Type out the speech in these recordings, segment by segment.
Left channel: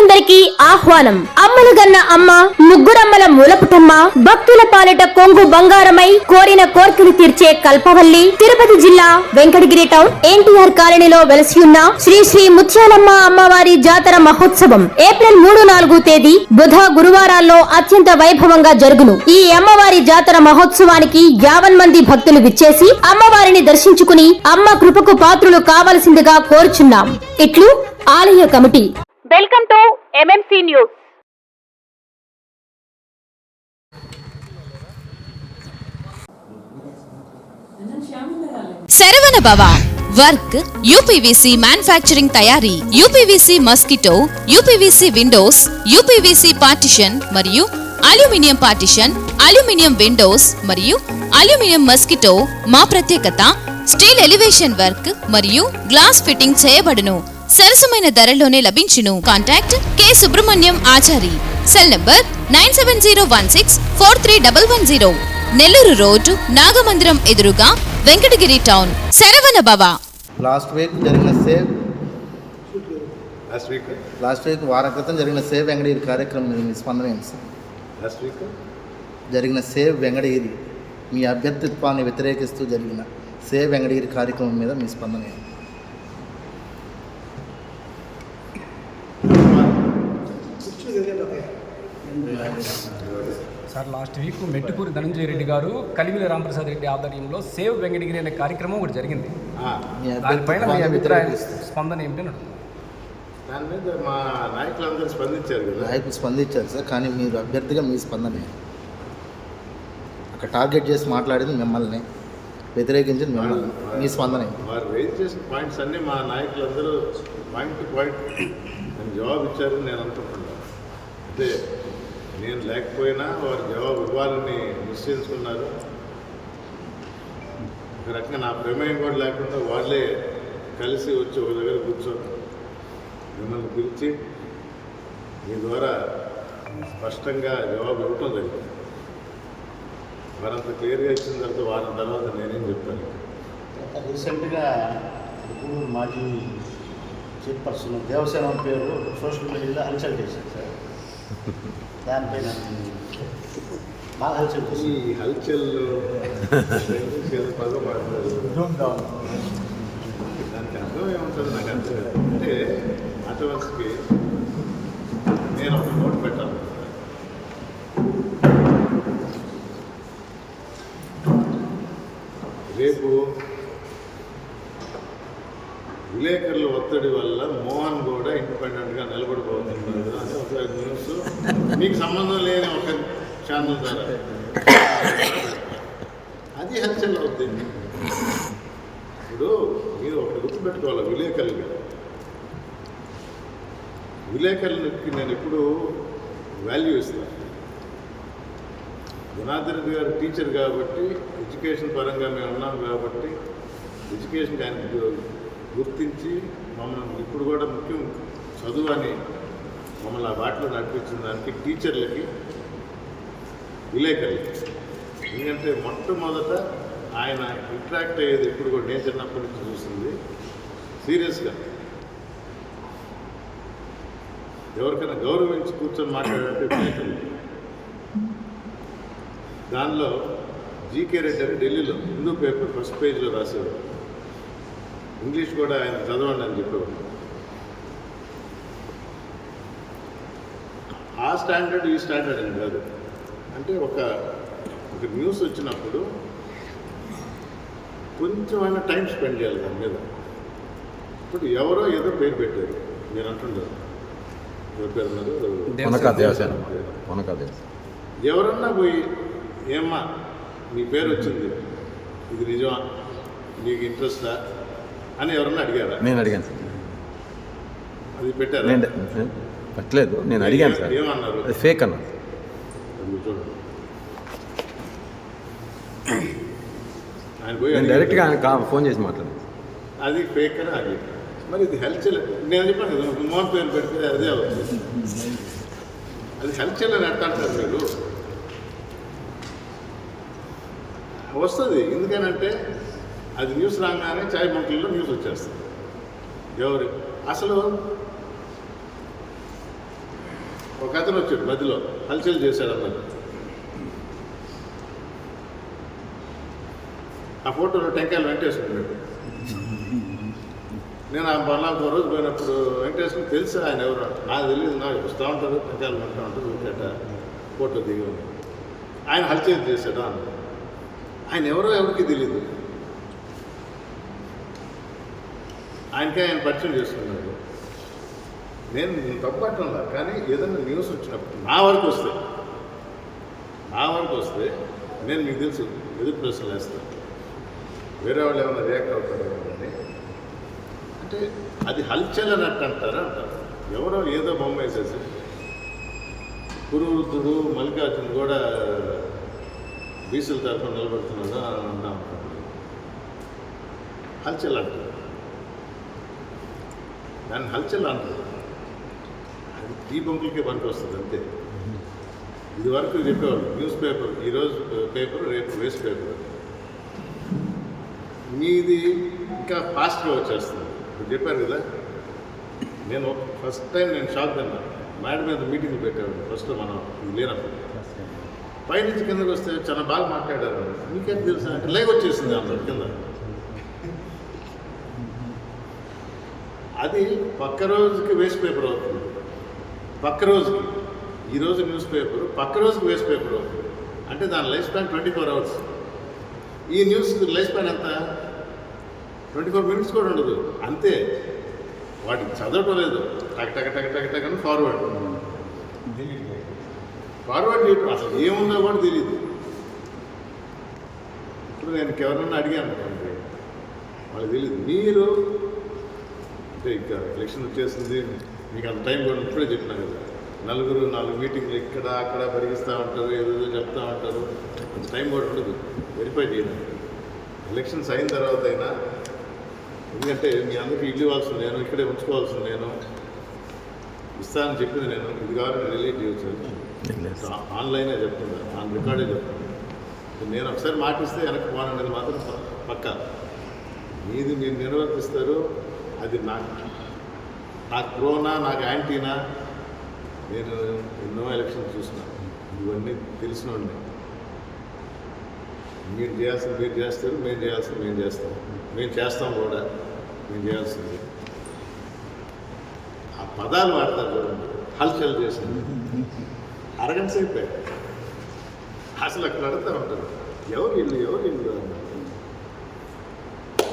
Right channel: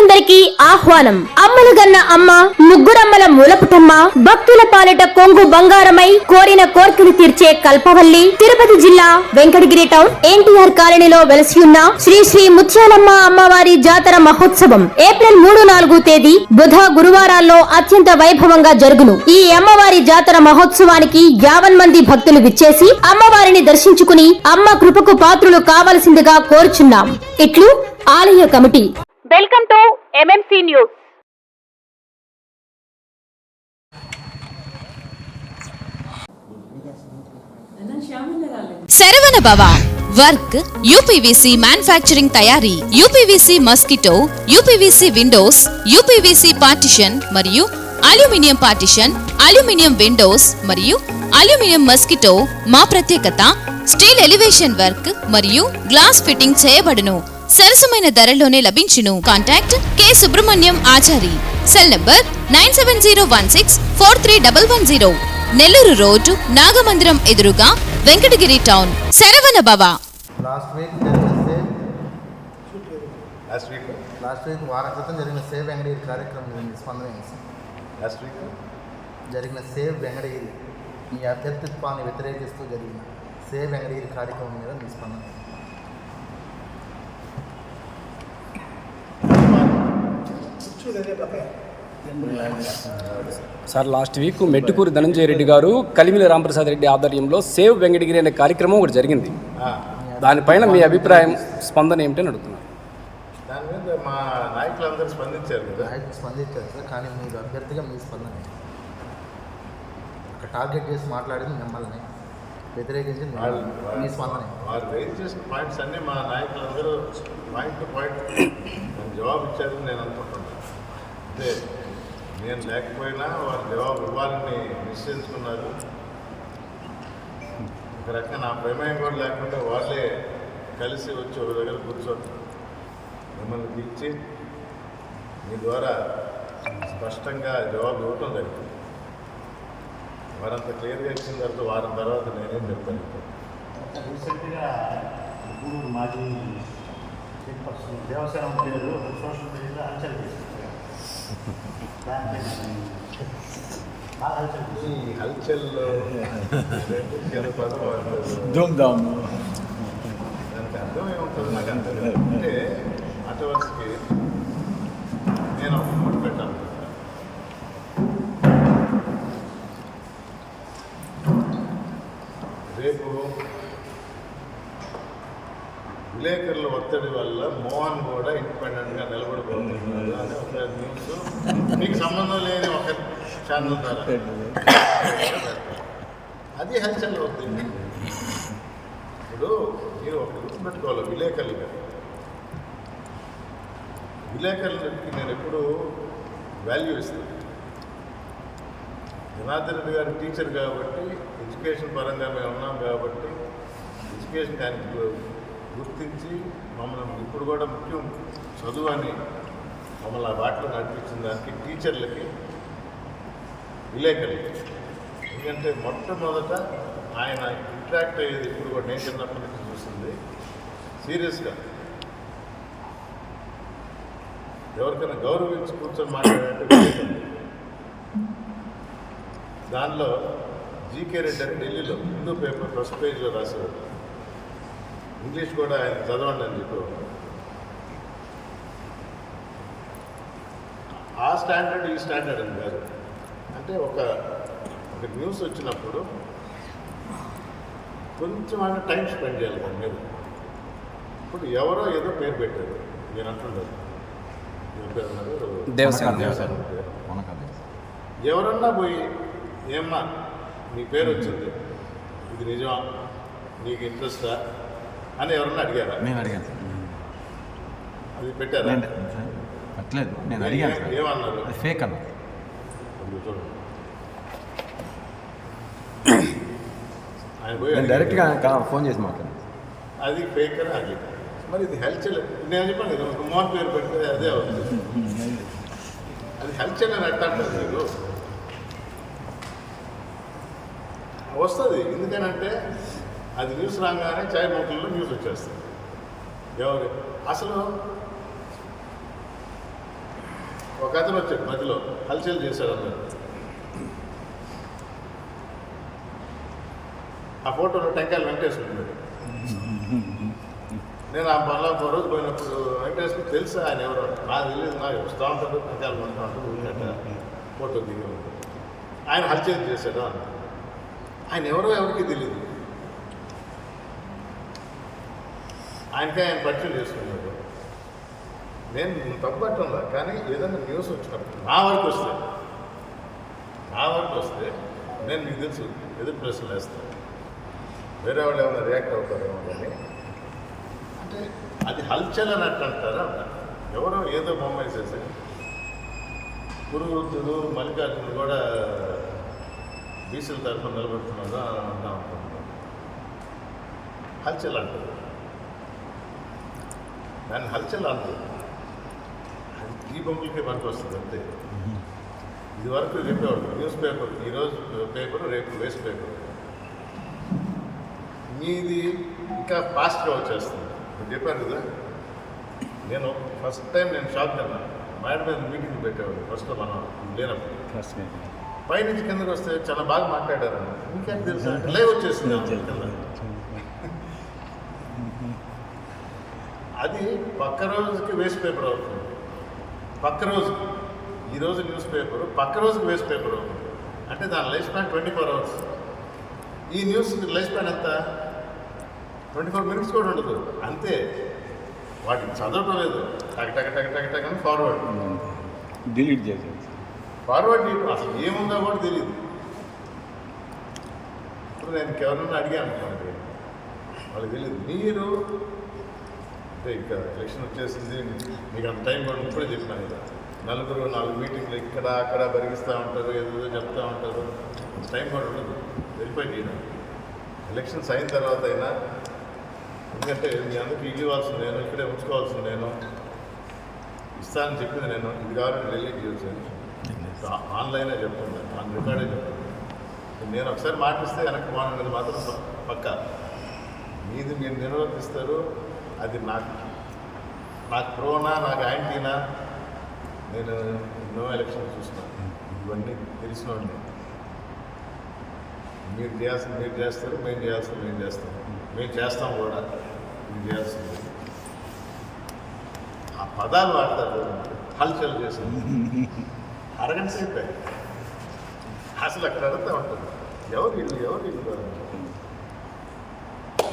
భక్తులందరికీ ఆహ్వానం. అమ్మలు గన్న అమ్మ ముగ్గురమ్మల మూలపుటమ్మ భక్తుల పాలిట కొంగు బంగారమై కోరిన కోర్కెలు తీర్చే కల్పవల్లి తిరుపతి జిల్లా వెంకటగిరి టౌన్ ఎన్టీఆర్ కాలనీలో వెలసి ఉన్న శ్రీ శ్రీ ముత్యాలమ్మ అమ్మవారి జాతర మహోత్సవం ఏప్రిల్ మూడు నాలుగు తేదీ బుధ గురువారాల్లో అత్యంత వైభవంగా జరుగును. ఈ అమ్మవారి జాతర మహోత్సవానికి యావన్ మంది భక్తులు విచ్చేసి అమ్మవారిని దర్శించుకుని అమ్మ కృపకు పాత్రులు కావలసిందిగా కోరుచున్నాం. ఇట్లు ఆలయ committee. Welcome to MMC news Saravana Bhava work UPVC manufacturing తయారీ UPVC mosquito UPVC windows UPVC partition మరియు అల్యూమినియం పార్టిషన్ అల్యూమినియం విండోస్ మరియు అల్యూమినియం మస్కిటో మా ప్రత్యేకత స్టీల్ ఎలివేషన్ వర్క్ మరియు గ్లాస్ ఫిట్టింగ్ చేయబడును. సరసమైన ధరలోనే లభించును. Contact K. Subrahmanyam Achari. Cell number nine seven zero one six four three double one zero. Nellore road Nagamandiram ఎదురుగా Venkatagiri town. Saravana Bhava. Last week జరిగిన save last week? Last week వారం క్రితం జరిగిన save Venkatagiri కార్యక్రమం మీద మీ స్పందన ఏంటి సార్? Last week? జరిగిన సేవ్ వెంకటగిరి మీ అభ్యర్థిత్వాన్ని వ్యతిరేకిస్తూ జరిగిన సేవ్ వెంకటగిరి కార్యక్రమం మీద మీ స్పందన ఏంటి? Sir last week Mettukuru Dhananjaya Reddy garu Kalimili Ramprasad Reddy ఆధ్వర్యంలో సేవ్ వెంకటగిరి అనే కార్యక్రమం ఒకటి జరిగింది దానిపైన మీ అభిప్రాయం స్పందన ఏమిటని అడుగుతున్నాను దాని మీద మా నాయకులందరూ స్పందించారు కదా నాయకులు స్పందించారు సార్ కానీ మీరు అభ్యర్థిగా మీ స్పందన ఏంటి? ఒక టార్గెట్ చేసి మాట్లాడింది మిమ్మల్ని వ్యతిరేకించింది మిమ్మల్ని. మీ స్పందన ఏంటి? వారు రైజ్ చేసిన పాయింట్స్ అన్నీ మా నాయకులందరూ పాయింట్ టు పాయింట్ జవాబు ఇచ్చారని నేను అనుకుంటున్నాను అంటే నేను లేకపోయినా వారు జవాబు ఇవ్వాలని నిశ్చయించుకున్నారు. ఒక రకంగా నా ప్రమేయం కూడా లేకుండా వాళ్ళే కలిసి వచ్చి ఒక దగ్గర కూర్చొని మిమ్మల్ని పిలిచి మీ ద్వారా స్పష్టంగా జవాబు ఇవ్వటం జరిగింది. వారంత క్లియర్గా ఇచ్చిన తర్వాత వారం తర్వాత నేనేం చెప్తాను రీసెంట్గా మాజీ చీఫ్ పర్సన్ దేవసేన పేరు సోషల్ మీడియాలో హల్చల్ చేసింది ఈ చేసింది హల్చల్లో ఏదో పదం వాడతారు. దానికి అర్థం ఏముంటుంది నాకు అర్థం కాదు అంటే మాట నేను ఒక నోట్ పెట్టాలనుకుంటాను రేపు విలేకరుల ఒత్తిడి వల్ల మోహన్ కూడా ఇండిపెండెంట్గా నిలబడిపోతున్నాడు అని ఒక న్యూస్ మీకు సంబంధం లేని ఒక ఛానల్ ద్వారా. అది హల్చల్ అవుతుంది ఇప్పుడు మీరు ఒకటి గుర్తుపెట్టుకోవాలి విలేకరులుగా. విలేకరులకి నేను ఎప్పుడు వాల్యూ ఇస్తాను జనార్దన్ రెడ్డి గారు టీచర్ కాబట్టి ఎడ్యుకేషన్ పరంగా మేము ఉన్నాం కాబట్టి ఎడ్యుకేషన్ ఆయనకి గుర్తించి మమ్మల్ని ఇప్పుడు కూడా ముఖ్యం చదువు అని మమ్మల్ని ఆ బాటలో నడిపించిన దానికి టీచర్లకి విలేకరులకి. ఎందుకంటే మొట్టమొదట ఆయన ఇంట్రాక్ట్ అయ్యేది ఇప్పుడు కూడా నేను చిన్నప్పటి నుంచి చూస్తుంది సీరియస్గా. ఎవరికైనా గౌరవించి కూర్చొని మాట్లాడంటే విలేకరులు. దానిలో జీకే రెడ్డి అని ఢిల్లీలో హిందూ పేపర్ ఫస్ట్ పేజ్లో రాసేవారు. ఇంగ్లీష్ కూడా ఆయన చదవండి అని చెప్పేవారు. ఆ స్టాండర్డ్ ఈ స్టాండర్డ్ అని కాదు. అంటే ఒక ఒక న్యూస్ వచ్చినప్పుడు కొంచెం ఆయన టైం స్పెండ్ చేయాలి దాని మీద. ఇప్పుడు ఎవరో ఏదో పేరు పెట్టారు. మీరు అంటుండరు. ఎవరి పేరు అన్నారు. ఎవరన్నా పోయి ఏమ్మా నీ పేరు వచ్చింది. ఇది నిజమా? నీకు ఇంట్రెస్టా? అని ఎవరన్నా అడిగారా? నేను అడిగాను సార్. అది పెట్టారా? నేను పట్టలేదు. నేను అడిగాను సార్. ఏమన్నారు? అది ఫేక్ అన్నారు. చూడండి. ఆయన పోయి నేను అడిగారు. డైరెక్ట్గా ఆయన ఫోన్ చేసి మాట్లాడాను. అది ఫేక్ అని అది మరి ఇది హెల్చల్ నేను చెప్పాను కదా ఒక మోహన్ పేరు పెడితే అదే అవుతుంది. అది హెల్చల్ అని ఎట్ట అంటారు మీరు? వస్తుంది. ఎందుకనంటే అది న్యూస్ రాగానే చాయ్ బంకుల్లో న్యూస్ వచ్చేస్తుంది ఎవరు? అసలు ఒక అతను వచ్చాడు మధ్యలో హల్చల్ చేశాడు అన్నారు ఆ ఫోటోలో టెంకాయలు వెంకటేశ్వరుడు నేను ఆ పనులకు ఒక రోజు పోయినప్పుడు వెంకటేశ్వరుడు తెలుసు ఆయన ఎవరు. నాకు తెలియదు నాకు వస్తూ ఉంటారు టెంకాయలు కొంటూ ఉంటారు ఊరికట ఫోటో దిగి ఆయన హల్చల్ చేశాడు ఆయన ఎవరో ఎవరికి తెలియదు ఆయనకే ఆయన పరిచయం చేసుకున్నాడు. నేను తప్పట్టంలా కానీ ఏదైనా న్యూస్ వచ్చినప్పుడు నా వరకు వస్తే నా వరకు వస్తే నేను మీకు తెలుసు ఎదురు ప్రశ్నలు వేస్తాను. వేరే వాళ్ళు ఏమైనా రియాక్ట్ అవుతారేమో కానీ అంటే అది హల్చల్ అన్నట్టు అంటారా అంటారు ఎవరో ఏదో బొమ్మ వేసేసి కురువృద్ధుడు మల్లికార్జున కూడా బీసీల తరఫున నిలబడుతున్నాడు అని అంటాం అనుకోండి హల్చల్ అంటారు. దాన్ని హల్చల్ అంటారు. అది టీ బంకులకే పనికి వస్తుంది అంతే. ఇది వరకు చెప్పేవాళ్ళు న్యూస్ పేపర్ ఈరోజు పేపర్ రేపు వేస్ట్ పేపర్. మీది ఇంకా ఫాస్ట్గా వచ్చేస్తుంది. ఇప్పుడు చెప్పారు కదా నేను ఫస్ట్ టైం నేను షాక్ తిన్నా. మేడం మీద మీటింగ్ పెట్టేవాడు ఫస్ట్ మనం లేనప్పుడు. పైనుంచి కిందకు వస్తే చాలా బాగా మాట్లాడారు. మీకేంటి తెలుసా? అంటే లైవ్ వచ్చేసింది అన్నారు కింద. అది పక్క రోజుకి వేస్ట్ పేపర్ అవుతుంది. పక్క రోజుకి. ఈరోజు న్యూస్ పేపర్ పక్క రోజుకి వేస్ట్ పేపర్ అవుతుంది. అంటే దాని life span twenty four hours ఈ న్యూస్ లైఫ్ స్పాన్ ఎంత? ట్వంటీ ఫోర్ మినిట్స్ కూడా ఉండదు. అంతే. వాటికి చదవటం లేదు. టక టక టక టక టక అని ఫార్వర్డ్ డిలీట్ చేసి ఫార్వర్డ్ చేయటం అసలు ఏముందో కూడా తెలియదు ఇప్పుడు నేను ఎవరినైనా అడిగాను అనుకోండి. వాళ్ళకి తెలియదు మీరు అంటే ఇంకా ఎలక్షన్ వచ్చేసింది. మీకు అంత టైం కూడా ఇప్పుడే చెప్పినా కదా. నలుగురు నాలుగు మీటింగ్లు ఇక్కడ అక్కడ బరిగిస్తూ ఉంటారు ఏదేదో చెప్తూ ఉంటారు. అంత టైం కూడా ఉండదు. వెరిఫై చేయడానికి. ఎలక్షన్స్ అయిన తర్వాత అయినా ఎందుకంటే మీ అందరికీ ఇల్లు ఇవ్వాల్సింది నేను ఇక్కడే ఉంచుకోవాల్సింది నేను. ఇస్తానని చెప్పింది నేను. ఇది కావాలంటే రిలీజ్ చేయొచ్చు అని. ఆన్లైనే చెప్తున్నా. ఆన్ రికార్డే చెప్తున్నా. నేను ఒకసారి మాటిస్తే వెనక్కి పోననేది మాత్రం పక్కా. మీది మీరు నిర్వర్తిస్తారు. అది నాకు నాకు ప్రోనా నాకు యాంటీనా నేను ఎన్నో ఎలక్షన్ చూసిన. ఇవన్నీ తెలిసినోడిని మీరు చేయాల్సింది మీరు చేస్తారు మేము చేయాల్సింది మేము చేస్తాం. మేము చేస్తాం కూడా మేము చేయాల్సింది. ఆ పదాలు వాడతారు చూడండి హల్చల్ చేసింది అరగంట సేపే. అసలు అక్కడ అడుగుతూ ఉంటుంది. ఎవరు ఇల్లు ఎవరు ఇల్లు అని.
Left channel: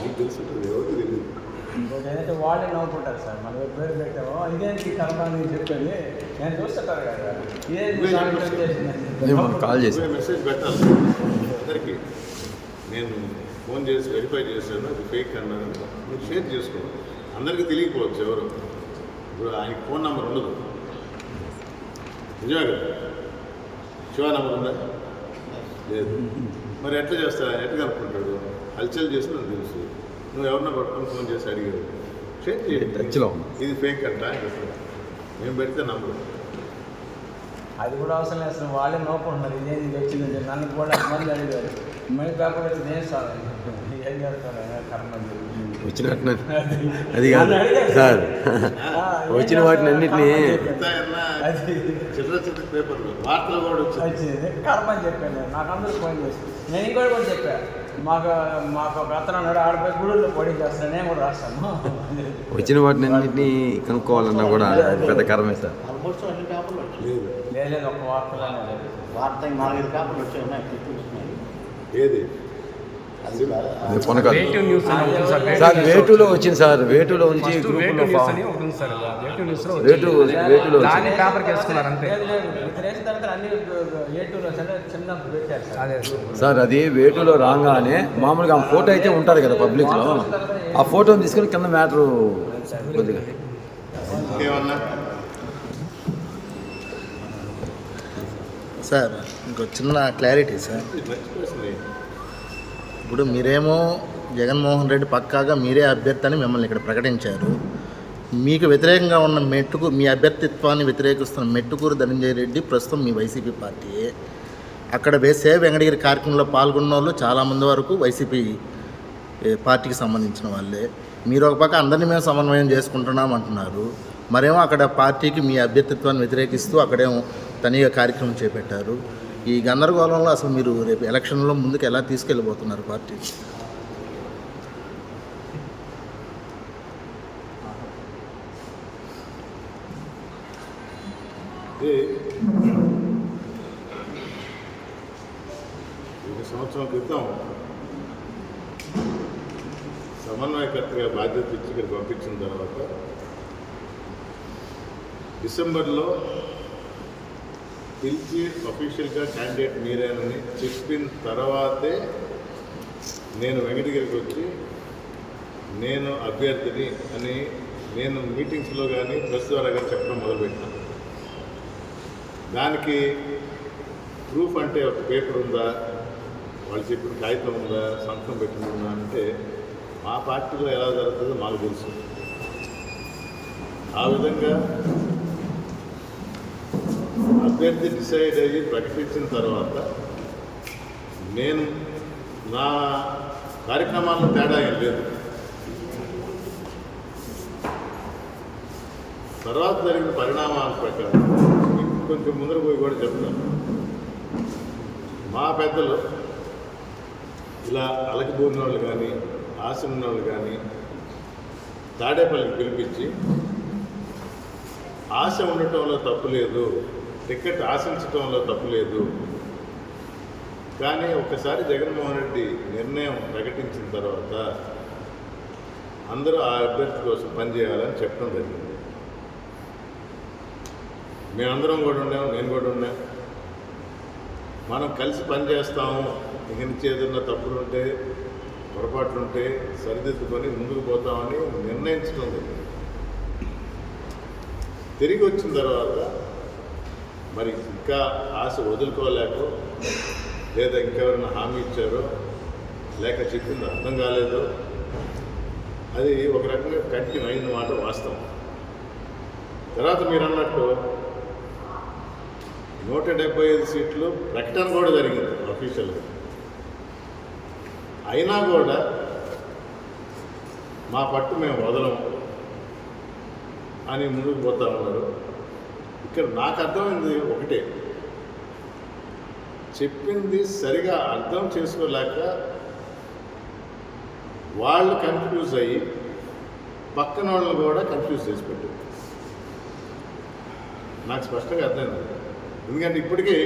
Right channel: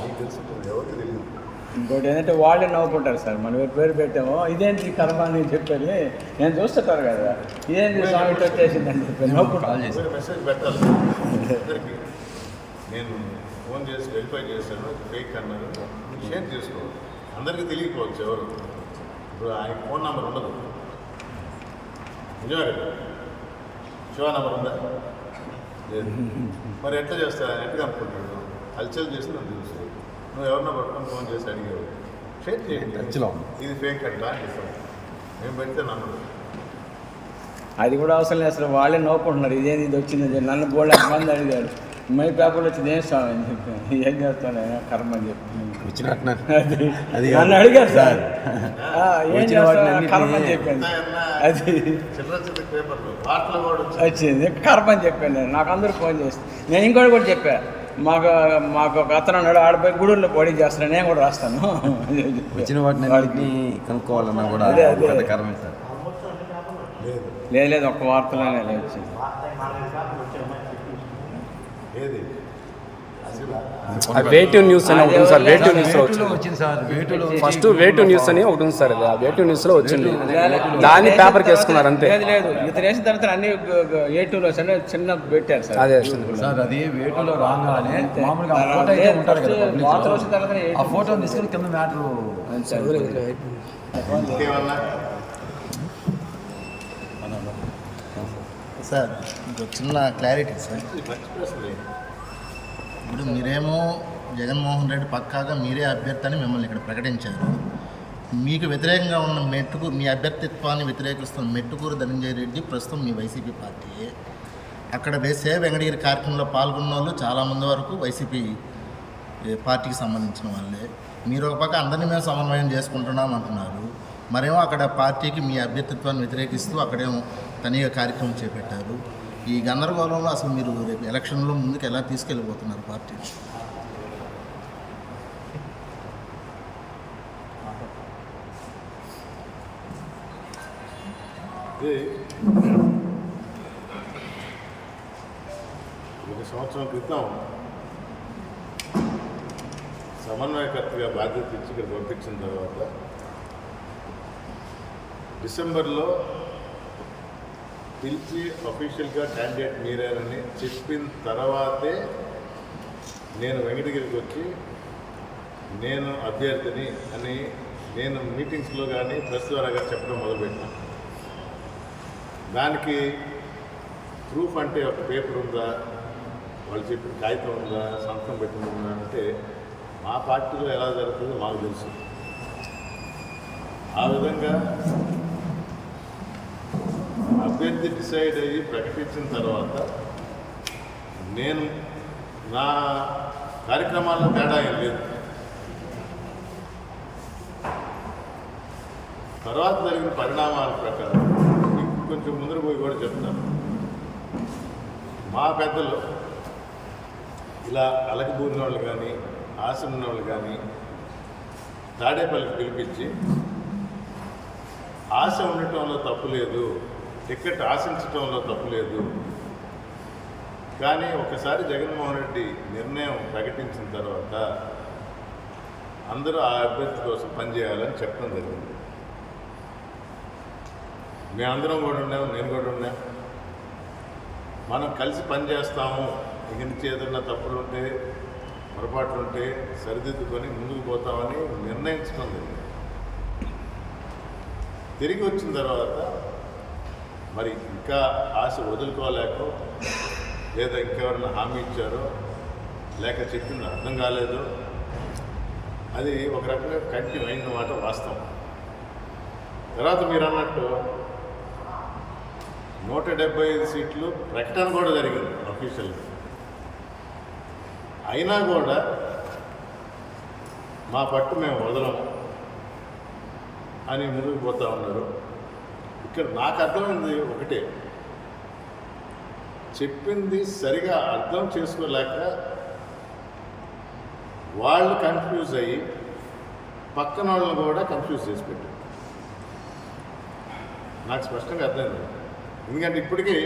మీకు తెలుసుంటుంది ఎవరికి తెలియదు. ఇంకోటి ఏంటంటే వాళ్ళే నవ్వుకుంటారు సార్. మనం పేరు పెట్టామో ఇదేంటి కర్మ అని చెప్పని నేను చూస్తుంటారు కదా. ఇదేంటి కాల్ చేసి మెసేజ్ పెట్టాలి. అందరికీ నేను ఫోన్ చేసి వెరిఫై చేశాను. అది ఫేక్ అన్నారని మీరు షేర్ చేసుకోవాలి. అందరికీ తెలియకపోవచ్చు ఎవరు. ఇప్పుడు ఆయనకి ఫోన్ నెంబర్ ఉండదు. నిజమే కదా? శివ నెంబర్ ఉందా? లేదు. మరి ఎట్లా ఆయన ఎట్లా కనుక్కుంటాడు? హల్చల్ చేసి నాకు తెలుసు. నువ్వు ఎవరినో పట్టుకొని ఫోన్ చేసి అడిగావు. షేర్ చేయండి టచ్లో. ఇది ఫేక్ అంట అని చెప్పండి. మేము పెడితే నంబర్ అది కూడా అవసరం లేదు అసలు వాళ్ళే నవ్వుకుంటున్నారు. ఇదేంటి ఇది వచ్చింది. నన్ను కూడా మంది అడిగారు? మై పేపర్ వచ్చింది ఏం స్వామి అని చెప్పి ఏం చేస్తాను కర్మ అని చెప్పి. వచ్చినట్టు అది కాదు. అడిగారు సార్. వచ్చిన వాటిని? అన్నిటినీ చెప్పాను. అది. చిల్లర చిల్లర పేపర్లు వార్తలు కూడా వచ్చింది. కర్మ అని చెప్పాను నేను నాకు అందరూ ఫోన్ చేసి నేను ఇంకోటి కూడా చెప్పా. మాకు మాకు ఒక అతను ఉన్నాడు ఆడపోయి గుడుల్లో పోటీ చేస్తున్నాను నేను కూడా రాస్తాను. వచ్చిన వాటిని అన్నింటినీ కనుక్కోవాలన్నా కూడా అది పెద్ద కరమే లేదు. లేదు లేదు ఒక్క వార్తలోనే లేదు. ఏది. వేటు న్యూస్ అని ఒకటి సార్ వేటు న్యూస్ వేటులో వచ్చింది. సార్ వేటులో ఫస్ట్ వేటు న్యూస్ అని ఒకటి ఉంది సార్ అది. ఆ వేటు న్యూస్లో వేటు వచ్చింది. దాన్ని పేపర్ వేసుకున్నారు అంతే. లేదు తర్వాత అన్ని ఏ టూలో సరే చిన్న పెట్టారు సార్. అదే సార్. అది వేటులో రాగానే మామూలుగా ఫోటో అయితే ఉంటుంది కదా పబ్లిక్లో. ఆ ఫోటోని తీసుకొని కింద మ్యాటర్ సార్ ఇంకో చిన్న క్లారిటీ సార్. ఇప్పుడు మీరేమో జగన్మోహన్ రెడ్డి పక్కాగా మీరే అభ్యర్థి అని మిమ్మల్ని ఇక్కడ ప్రకటించారు. మీకు వ్యతిరేకంగా ఉన్న మెట్టుకు మీ అభ్యర్థిత్వాన్ని వ్యతిరేకిస్తున్న మెట్టుకూరు ధనంజయ రెడ్డి ప్రస్తుతం మీ వైసీపీ పార్టీయే. అక్కడ వేసే వెంకటగిరి కార్యక్రమంలో పాల్గొన్న వాళ్ళు చాలామంది వరకు వైసీపీ పార్టీకి సంబంధించిన వాళ్ళే. మీరు ఒక పక్క అందరినీ మేము సమన్వయం చేసుకుంటున్నాం అంటున్నారు. మరేమో అక్కడ పార్టీకి మీ అభ్యర్థిత్వాన్ని వ్యతిరేకిస్తూ అక్కడేమో తనిగా కార్యక్రమం చేపట్టారు. ఈ గందరగోళంలో అసలు మీరు రేపు ఎలక్షన్లో ముందుకు ఎలా తీసుకెళ్ళబోతున్నారు పార్టీ? ఇది ఒక సంవత్సరం క్రితం సమన్వయకర్తగా బాధ్యత ఇచ్చి ఇక్కడ పంపించిన తర్వాత డిసెంబర్లో పిలిచి అఫీషియల్గా క్యాండిడేట్ మీరేనని చెప్పిన తర్వాతే నేను వెంకటగిరికి వచ్చి నేను అభ్యర్థిని అని నేను మీటింగ్స్లో కానీ ప్రెస్ ద్వారా కానీ చెప్పడం మొదలుపెట్టినా. దానికి ప్రూఫ్ అంటే ఒక పేపర్ ఉందా? వాళ్ళు చెప్పిన కాగితం ఉందా? సంతకం పెట్టింది ఉందా? అంటే మా పార్టీలో ఎలా జరుగుతుందో మాకు తెలుసు. ఆ విధంగా అభ్యర్థి డిసైడ్ అయ్యి ప్రకటించిన తర్వాత నేను నా కార్యక్రమాల్లో తేడా ఏం లేదు. తర్వాత జరిగిన పరిణామాల ప్రకారం కొంచెం ముందర పోయి కూడా చెప్తాను మా పెద్దలు ఇలా అలకబూరిన వాళ్ళు కానీ ఆశ ఉన్న వాళ్ళు కానీ తాడేపల్లికి పిలిపించి ఆశ ఉండటంలో తప్పు లేదు. టికెట్ ఆశించటంలో తప్పు లేదు కానీ ఒకసారి జగన్మోహన్ రెడ్డి నిర్ణయం ప్రకటించిన తర్వాత అందరూ ఆ అభ్యర్థి కోసం పనిచేయాలని చెప్పడం జరిగింది. మేమందరం కూడా ఉన్నాము నేను కూడా ఉన్నా. మనం కలిసి పనిచేస్తాము ఇక నుంచి ఏదన్నా తప్పులుంటే పొరపాట్లుంటే సరిదిద్దుకొని ముందుకు పోతామని నిర్ణయించడం జరిగింది. తిరిగి వచ్చిన తర్వాత మరి ఇంకా ఆశ వదులుకోలేకో లేదా ఇంకెవరైనా హామీ ఇచ్చారో లేక చెప్పింది అర్థం కాలేదో అది ఒక రకంగా కంటిన్యూ అయిన మాట వాస్తవం. తర్వాత మీరు అన్నట్టు నూట డెబ్బై ఐదు సీట్లు ప్రకటన కూడా జరిగింది అఫీషియల్గా అయినా కూడా మా పట్టు మేము వదలము అని ముందుకు పోతా ఉన్నారు. ఇక్కడ నాకు అర్థమైంది ఒకటే. చెప్పింది సరిగా అర్థం చేసుకోలేక వాళ్ళు కన్ఫ్యూజ్ అయ్యి పక్కన వాళ్ళని కూడా కన్ఫ్యూజ్ చేసి పెట్టారు. నాకు స్పష్టంగా అర్థమైంది. ఎందుకంటే ఇప్పటికీ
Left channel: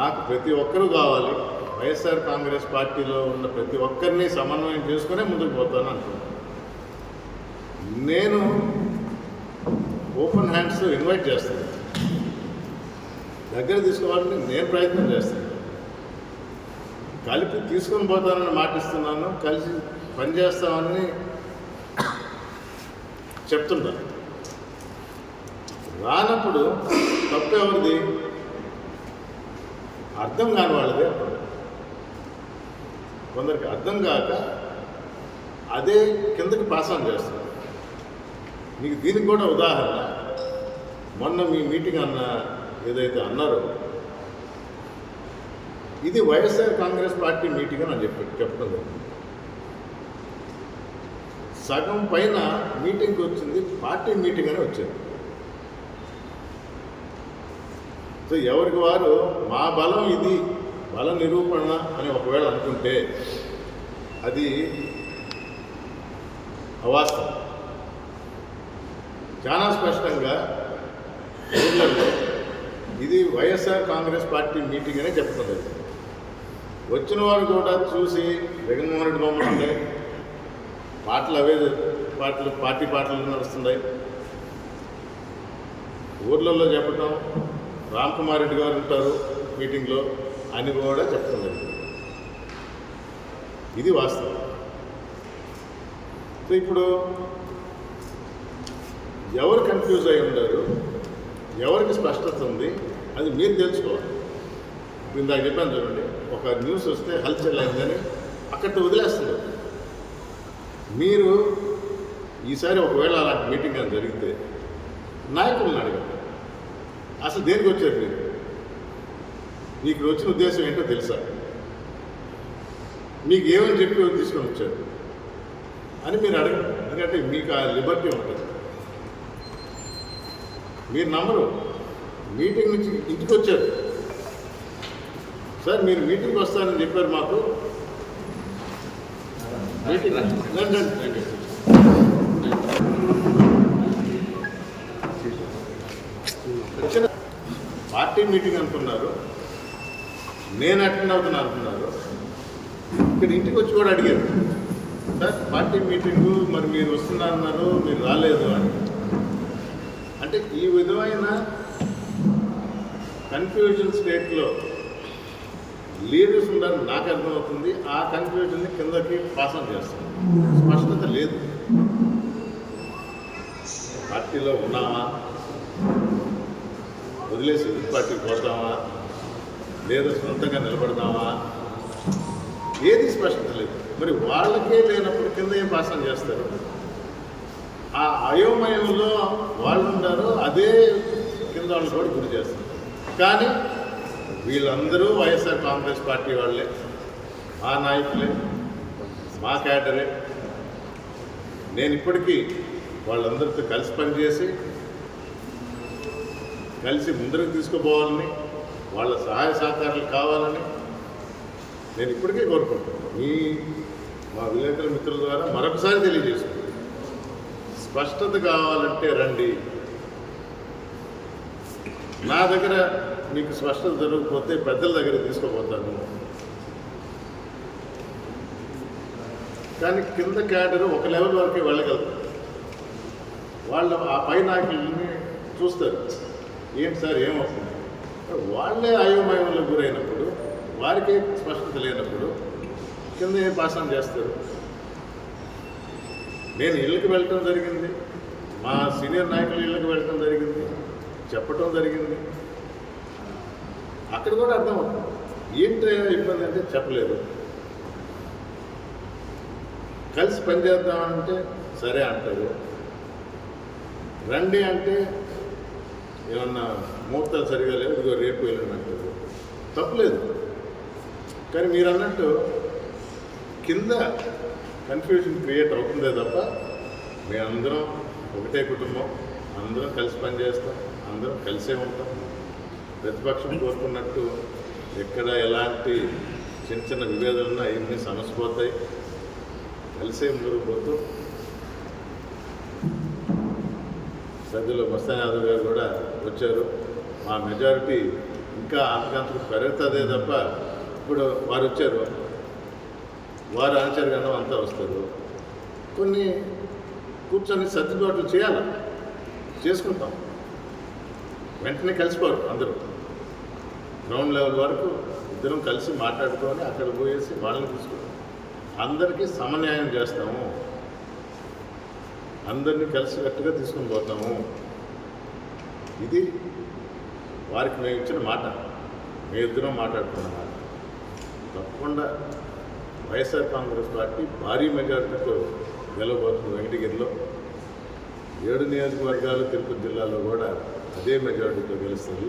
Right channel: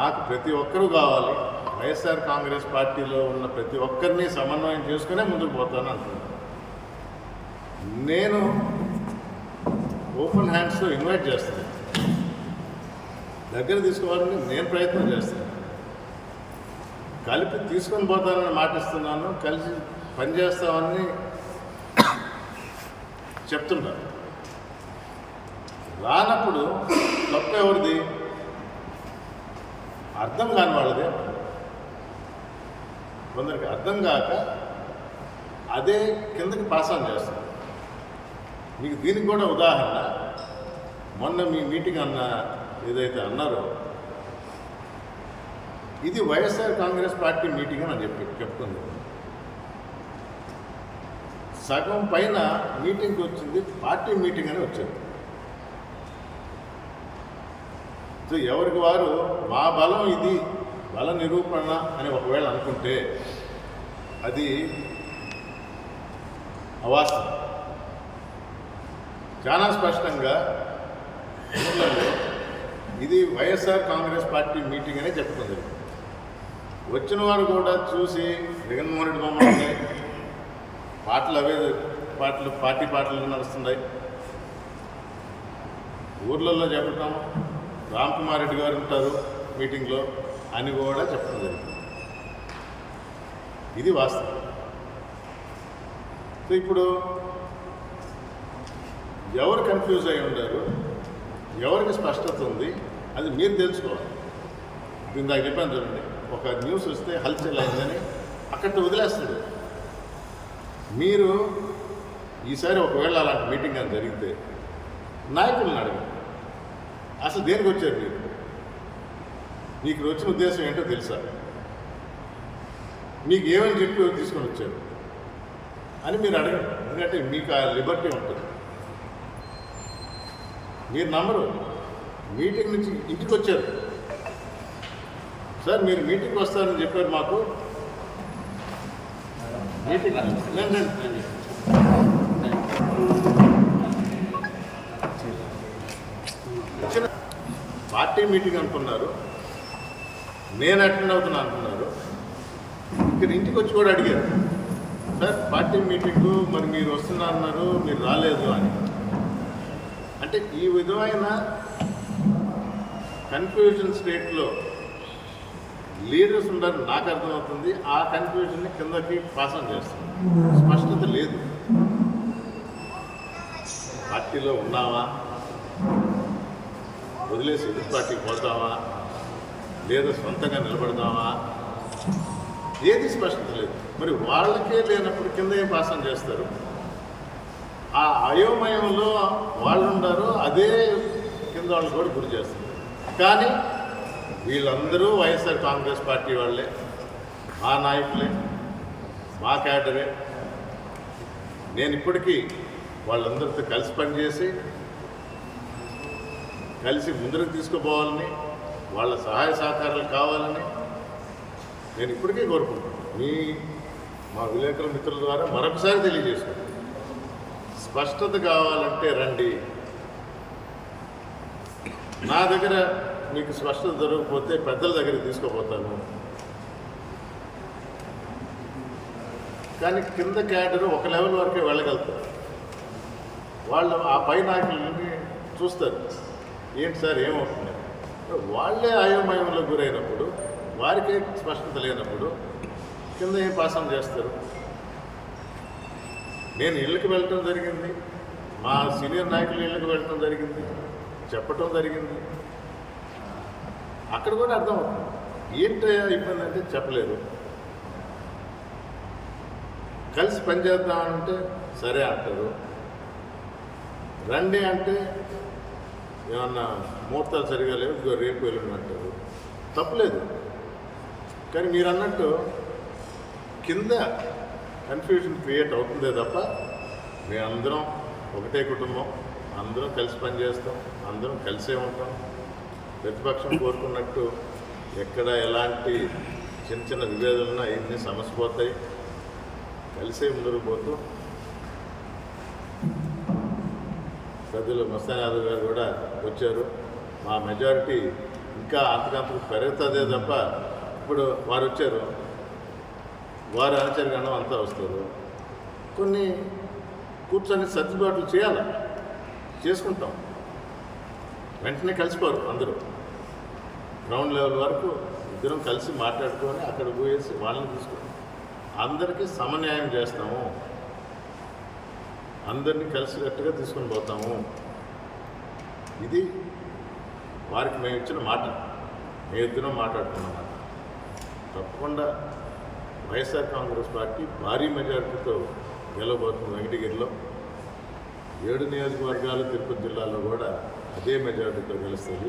నాకు ప్రతి ఒక్కరూ కావాలి. వైఎస్ఆర్ కాంగ్రెస్ పార్టీలో ఉన్న ప్రతి ఒక్కరిని సమన్వయం చేసుకునే ముందుకు పోతాను అంటున్నాను. నేను ఓపెన్ హ్యాండ్స్తో ఇన్వైట్ చేస్తుంది. దగ్గర తీసుకోవాలని నేను ప్రయత్నం చేస్తున్నాను కలిపి తీసుకొని పోతానని మాటిస్తున్నాను కలిసి పనిచేస్తామని చెప్తున్నారు రానప్పుడు తప్పు ఎవరిది? అర్థం కాని వాళ్ళది అంటున్నారు కొందరికి అర్థం కాక అదే కిందకి పాస్ ఆన్ చేస్తున్నారు మీకు దీనికి కూడా ఉదాహరణ. మొన్న మీ మీటింగ్ అన్న ఏదైతే అన్నారో ఇది వైఎస్ఆర్ కాంగ్రెస్ పార్టీ మీటింగ్ అని చెప్పి చెప్తుంది సగం పైన మీటింగ్కి వచ్చింది పార్టీ మీటింగ్ అని వచ్చింది. సో ఎవరికి వారు మా బలం ఇది బల నిరూపణ అని ఒకవేళ అనుకుంటే అది అవాస్తవం. చాలా స్పష్టంగా ఊర్లలో ఇది వైఎస్ఆర్ కాంగ్రెస్ పార్టీ మీటింగ్ అనే చెప్పడం జరిగింది. వచ్చిన వారు కూడా చూసి జగన్మోహన్ రెడ్డి బొమ్మలు ఉన్నాయి. పాటలు అవే పాటలు పార్టీ పాటలు నడుస్తున్నాయి. ఊర్లలో చెప్పటం రామ్ కుమార్ రెడ్డి గారు ఉంటారు మీటింగ్లో అని కూడా చెప్పడం జరిగింది. ఇది వాస్తవం. సో ఇప్పుడు ఎవరు కన్ఫ్యూజ్ అయి ఉండరు? ఎవరికి స్పష్టత ఉంది? అది మీరు తెలుసుకోవాలి. ఇప్పుడు ఇందాక చెప్పాను చూడండి ఒక న్యూస్ వస్తే హల్చల్ అయిందని అక్కడితో వదిలేస్తారు. మీరు ఈసారి ఒకవేళ అలాంటి మీటింగ్ అని జరిగితే నాయకులను అడగండి. అసలు దేనికి వచ్చారు మీరు? మీకు వచ్చిన ఉద్దేశం ఏంటో తెలుసా? మీకు ఏమని చెప్పి తీసుకొని వచ్చారు? అని మీరు అడగండి. ఎందుకంటే మీకు ఆ లిబర్టీ ఉంటుంది. మీరు నమ్మరు. మీటింగ్ నుంచి ఇంటికి వచ్చారు సార్ మీరు మీటింగ్కి వస్తారని చెప్పారు మాకు. మీటింగ్ రండి, వచ్చిన పార్టీ మీటింగ్ అనుకున్నారు. నేను అటెండ్ అవుతున్నా అంటున్నారు. ఇక్కడ ఇంటికి వచ్చి కూడా అడిగారు. సార్ పార్టీ మీటింగు మరి మీరు వస్తున్నా అన్నారు మీరు రాలేదు అని. అంటే ఈ విధమైన కన్ఫ్యూజన్ స్టేట్లో లీడర్స్ ఉండాలని నాకు అర్థమవుతుంది. ఆ కన్ఫ్యూజన్ని కిందకి పాసం చేస్తుంది. స్పష్టత లేదు. పార్టీలో ఉన్నామా వదిలేసి ఎదుటి పార్టీకి పోతామా లేదా సొంతంగా నిలబడదామా ఏది స్పష్టత లేదు. మరి వాళ్ళకే లేనప్పుడు కింద ఏం పాసం చేస్తారు. ఆ అయోమయంలో వాళ్ళు ఉండారు అదే కింద వాళ్ళు కూడా గురి చేస్తారు. కానీ వీళ్ళందరూ వైఎస్ఆర్ కాంగ్రెస్ పార్టీ వాళ్ళే మా నాయకులే మా క్యాడరే. నేను ఇప్పటికీ వాళ్ళందరితో కలిసి పనిచేసి కలిసి ముందరకు తీసుకుపోవాలని వాళ్ళ సహాయ సహకారాలు కావాలని నేను ఇప్పటికే కోరుకుంటున్నాను. మీ మా విలేకరుల మిత్రుల ద్వారా మరొకసారి తెలియజేసుకుంటాను స్పష్టత కావాలంటే రండి. నా దగ్గర మీకు స్పష్టత దొరకకపోతే పెద్దల దగ్గర తీసుకుపోతాను. కానీ కింద క్యాడర్ ఒక లెవెల్ వరకే వెళ్ళగలుగుతారు వాళ్ళు ఆ పై నాయకులని చూస్తారు. ఏంటి సార్ ఏమవుతుంది వాళ్ళే అయోమయంలో గురైనప్పుడు వారికే స్పష్టత లేనప్పుడు కింద ఏం పాసం చేస్తారు? నేను ఇళ్ళకి వెళ్ళటం జరిగింది. మా సీనియర్ నాయకులు ఇళ్ళకి వెళ్ళటం జరిగింది. చెప్పటం జరిగింది. అక్కడ కూడా అర్థమవుతుంది. ఏంటి ఇబ్బంది అంటే చెప్పలేరు కలిసి పనిచేద్దామంటే సరే అంటారు. రండి అంటే ఏమన్నా ముహూర్తాలు సరిగా లేవు ఇదిగో రేపు వెళ్ళండి అంటారు. తప్పలేదు. కానీ మీరు అన్నట్టు కింద కన్ఫ్యూజన్ క్రియేట్ అవుతుందే తప్ప మేమందరం ఒకటే కుటుంబం అందరం కలిసి పనిచేస్తాం అందరం కలిసే ఉంటాం. ప్రతిపక్షం కోరుకున్నట్టు ఎక్కడ ఎలాంటి చిన్న చిన్న విభేదాలున్నా అవన్నీ సమసిపోతాయి కలిసే ముందుకు పోతూ పెద్దలు మస్తాన్ యాదవ్ గారు కూడా వచ్చారు. మా మెజారిటీ ఇంకా అంతకంతకు పెరుగుతుందే తప్ప ఇప్పుడు వారు వచ్చారు. వారు అనుచరగణం అంతా వస్తారు. కొన్ని కూర్చొని సర్దుబాట్లు చేయాలి? చేసుకుంటాం. వెంటనే కలిసిపోరు అందరూ. గ్రౌండ్ లెవెల్ వరకు ఇద్దరం కలిసి మాట్లాడుకొని అక్కడ పోయేసి వాళ్ళని తీసుకొని అందరికీ సమన్యాయం చేస్తాము. అందరినీ కలిసికట్టుగా తీసుకొని పోతాము. ఇది వారికి మేము ఇచ్చిన మాట. మీ ఇద్దరం మాట్లాడుకున్న మాట. తప్పకుండా వైఎస్ఆర్ కాంగ్రెస్ పార్టీ భారీ మెజారిటీతో గెలవబోతుంది వెంకటగిరిలో. ఏడు నియోజకవర్గాలు తిరుపతి జిల్లాలో కూడా అదే మెజారిటీతో గెలుస్తుంది.